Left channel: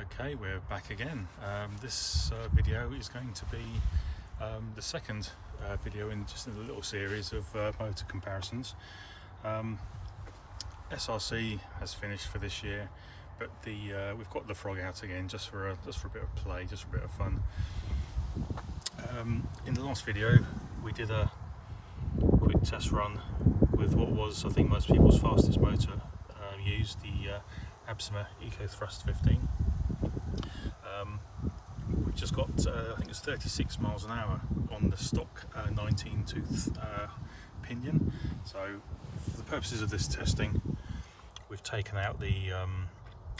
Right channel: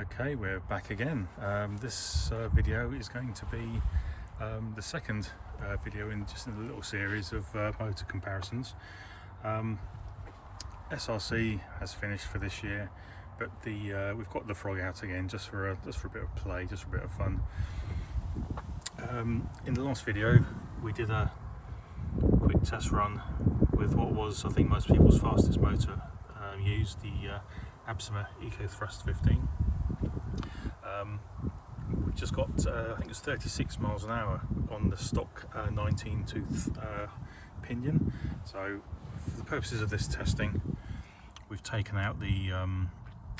Okay, we're back again. This video is going to be the second video in just in a little series of motor comparisons. SRC has finished for this year, but we've got the Frog out again just for a bit of play, just for a bit of fun. In the last video, we did a quick test run with what was, I think, most people's fastest motor used, the Absima EcoThrust 15. We just got, I think it was 36 miles an hour on the stock 19 tooth pinion. So for the purposes of this testing, we've taken out the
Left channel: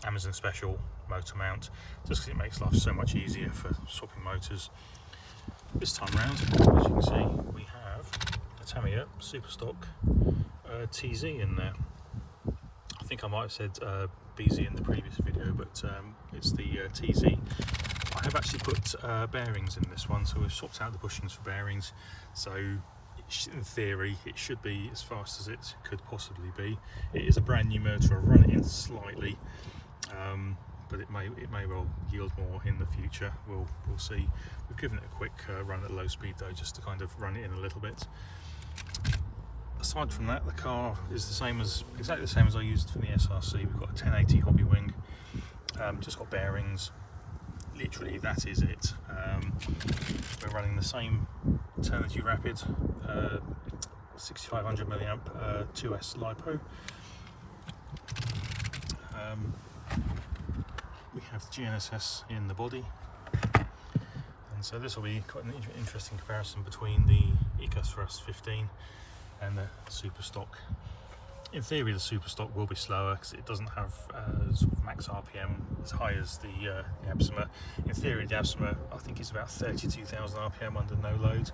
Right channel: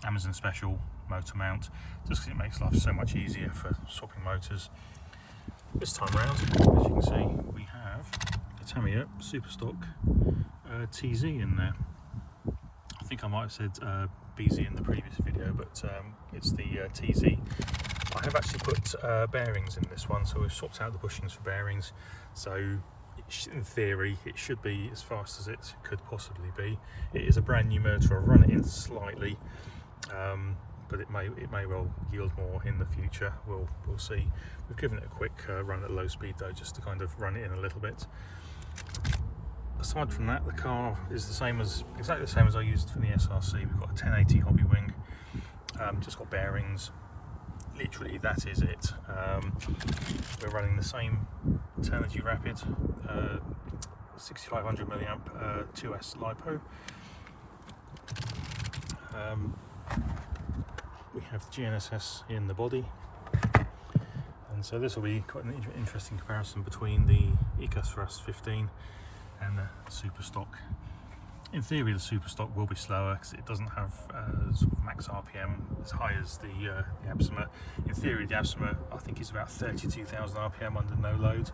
Amazon Special motor mount, just because it makes life so much easier for swapping motors. This time round, as you can see, we have the Tamiya Superstock TZ in there. I think I might have said BZ in the previous video, but it's the TZ. I have actually put bearings in this one, so we've swapped out the bushings for bearings. So in theory, it should be as fast as it could possibly be. It is a brand new motor. I've run it in slightly, but it may well yield more in the future. We'll see. We've given it a quick run at low speed though, just to kind of run it in a little bit. Aside from that, the car is exactly the same as I used for the SRC. We've got a 1080 Hobbywing, just got bearings. Literally, that is it. We're running the same Turnigy Rapid 6500 milliamp 2S LiPo. We have the GNSS in the body, and so this will be quite an interesting comparison between the EcoThrust 15 and the Superstock. In theory, the Superstock will be slower because it doesn't have sort of max RPM as high as the Absima. In theory, the Absima, I think, is about 32,000 RPM under no load,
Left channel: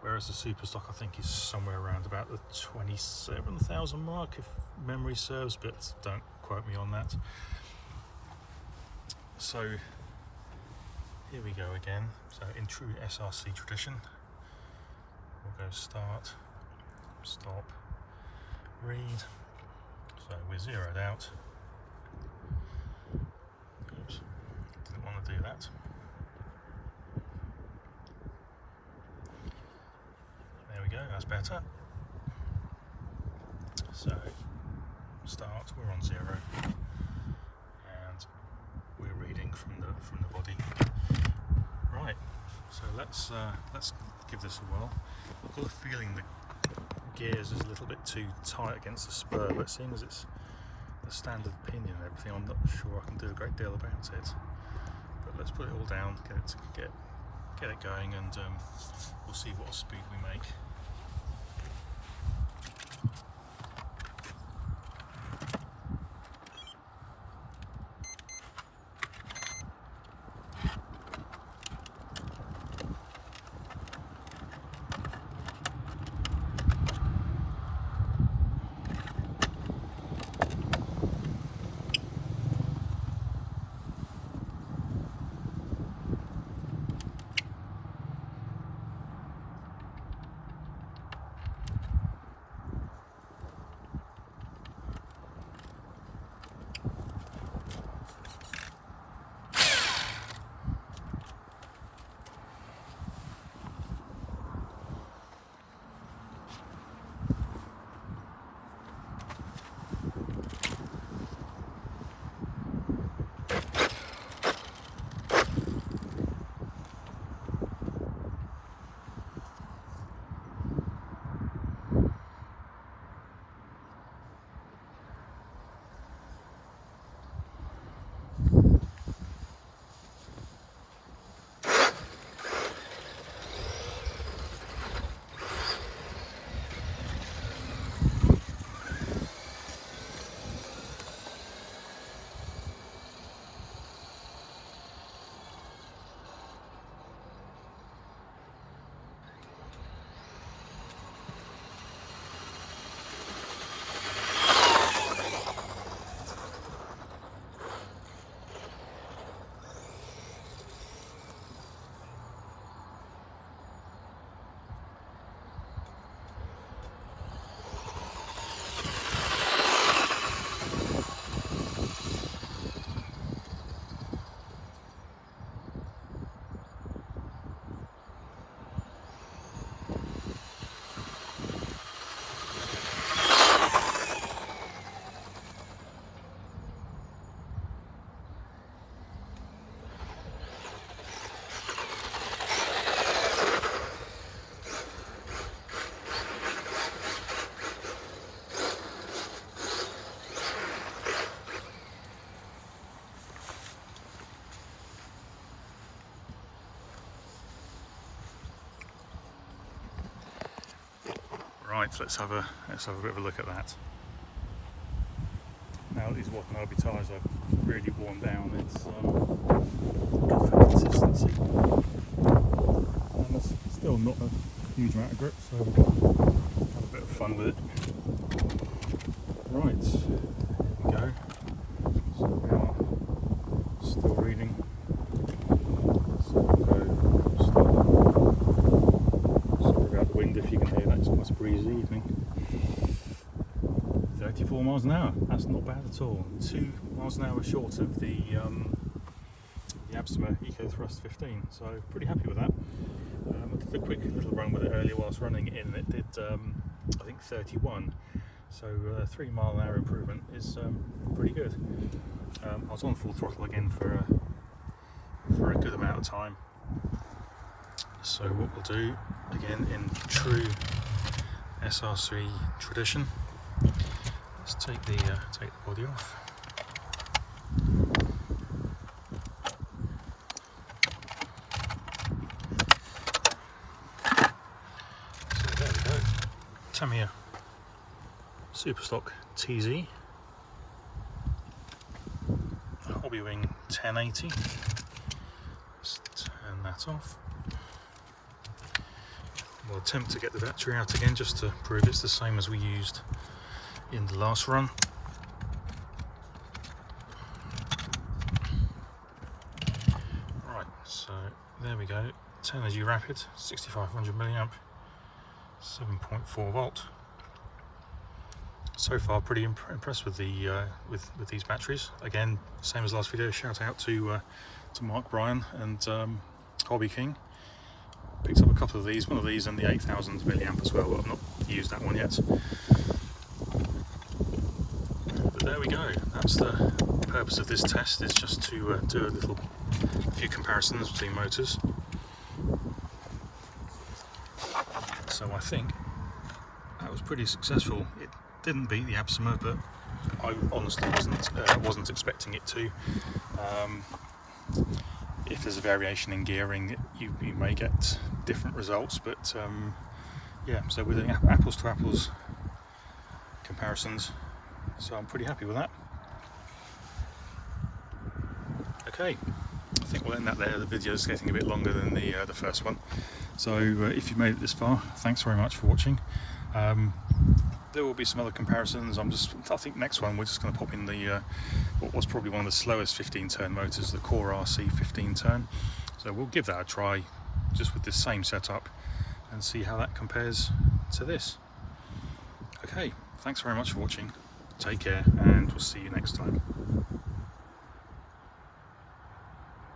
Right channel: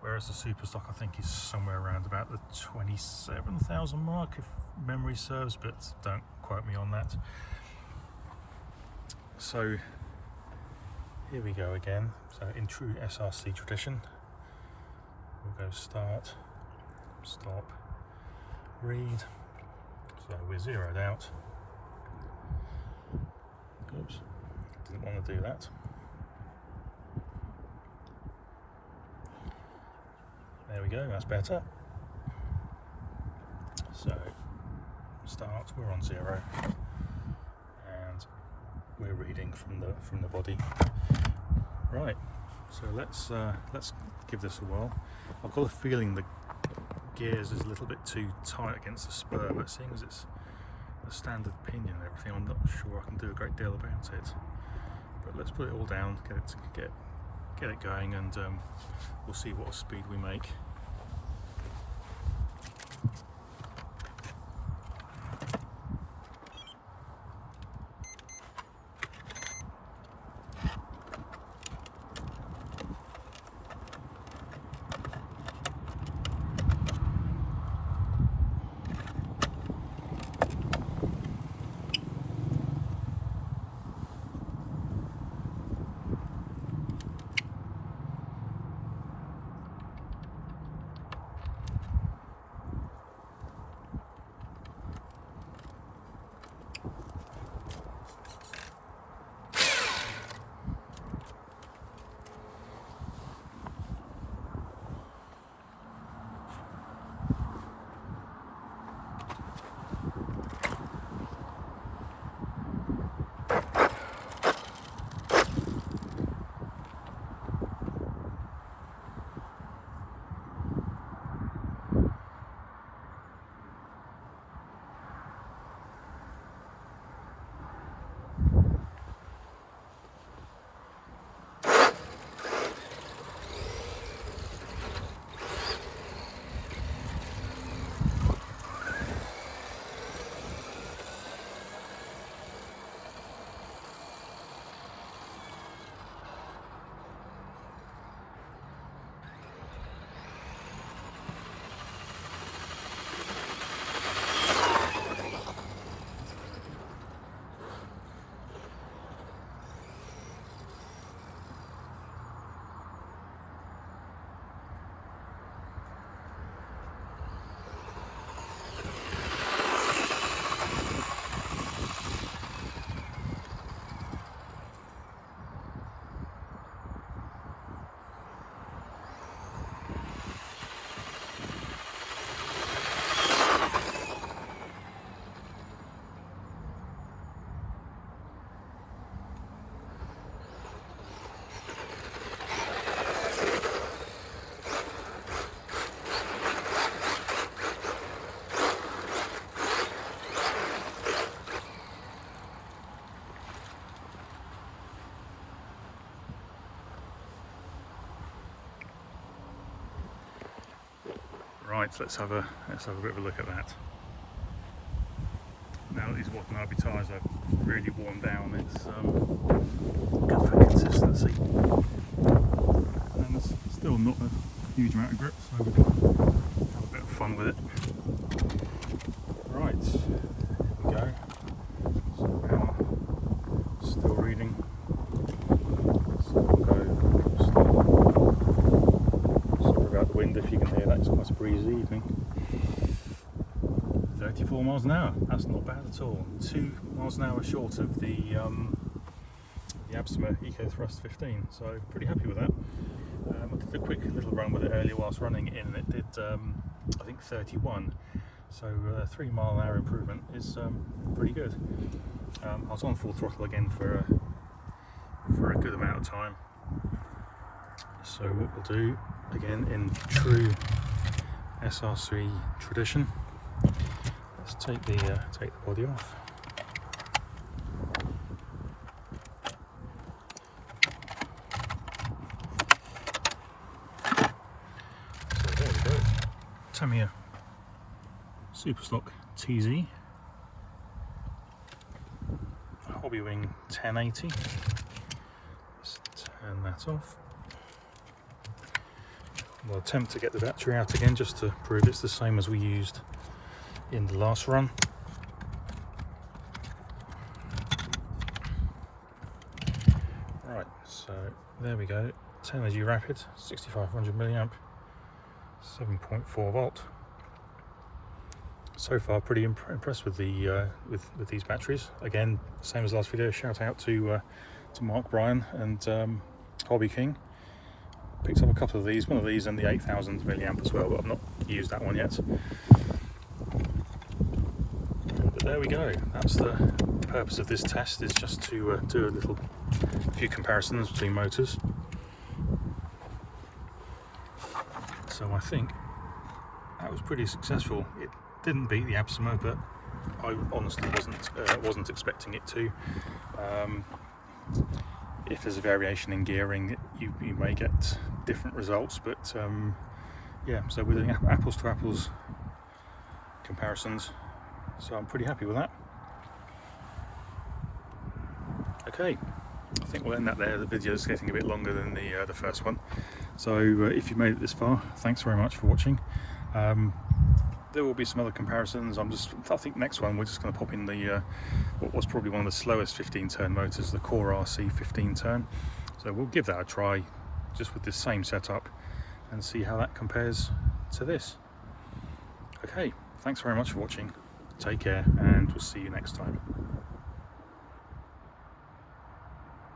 whereas the Superstock, I think, is somewhere around about the 27,000 mark, if memory serves, but don't quote me on that. So here we go again. So in true SRC tradition, we'll go start, stop, read. So we're zeroed out. Oops, didn't want to do that. There we go, that's better. So start, we're on 0, and we're reading from the body. Right, so let's give this a whirl. I've got a feeling the gears is a little bit too tight against the spur, but seeing as it's the standard pinion and everything, I'm not sure I can do a great deal about it. But let's put it all down, get it going, and we'll see what speed we make. Right, so let's have a bit of a look at that. Now that these Watanabe tyres are really worn down, it's good for consistency. And there's still not a huge amount of grip, so we've got a bit of fun with it. Right, here we go. So now, still reading. So we'll go slower. Sorry about the wind if you can hear that, it's quite a breezy evening. 34 miles an hour, that's not bad at all. 2 miles an hour short of the Absima Eco Thrust 15, so pretty happy with that. I did a quick little run with it earlier whilst running it in, and it did I think 31, so 3 mile an hour improvement is pretty good. I was on full throttle again for a good amount of time. So what we'll do, again in true SRC tradition, let's take the body off. So there we go. Tamiya Superstock TZ. Hobbywing 1080. Let's turn that off. We'll attempt to get the battery out again just to prove it's the same as we used in the last run. Right, so there we go. Turnigy Rapid, 6500 milliamp, 7.4 volt. So far, pretty impressed with the with these batteries. Again, same as last video. Shout out to Mark, Brian, and Hobby King. Picked up a couple of these, one of these and the 8000 milliamp as well, but I've not used that one yet. But there we go. That's the purpose of this test, is just to do a few comparisons between motors. So I think that was pretty successful. It didn't beat the Absima, but I honestly wasn't expecting it to. If there's a variation in gearing, you may get different results, but yeah, so we're doing apples to apples comparisons, so I'm pretty happy with that. Okay, I think we'll end that there. The video is getting a bit longer than the first one, so if you made it this far, thanks very much for watching. There will be some other comparisons. I think next one we're just going to pop in the what was probably one of the slowest 15-turn motors, the Core RC 15-turn. So we'll give that a try just with this same setup and see how that compares to this. Okay, thanks very much for watching. Take care, and we'll see you next time.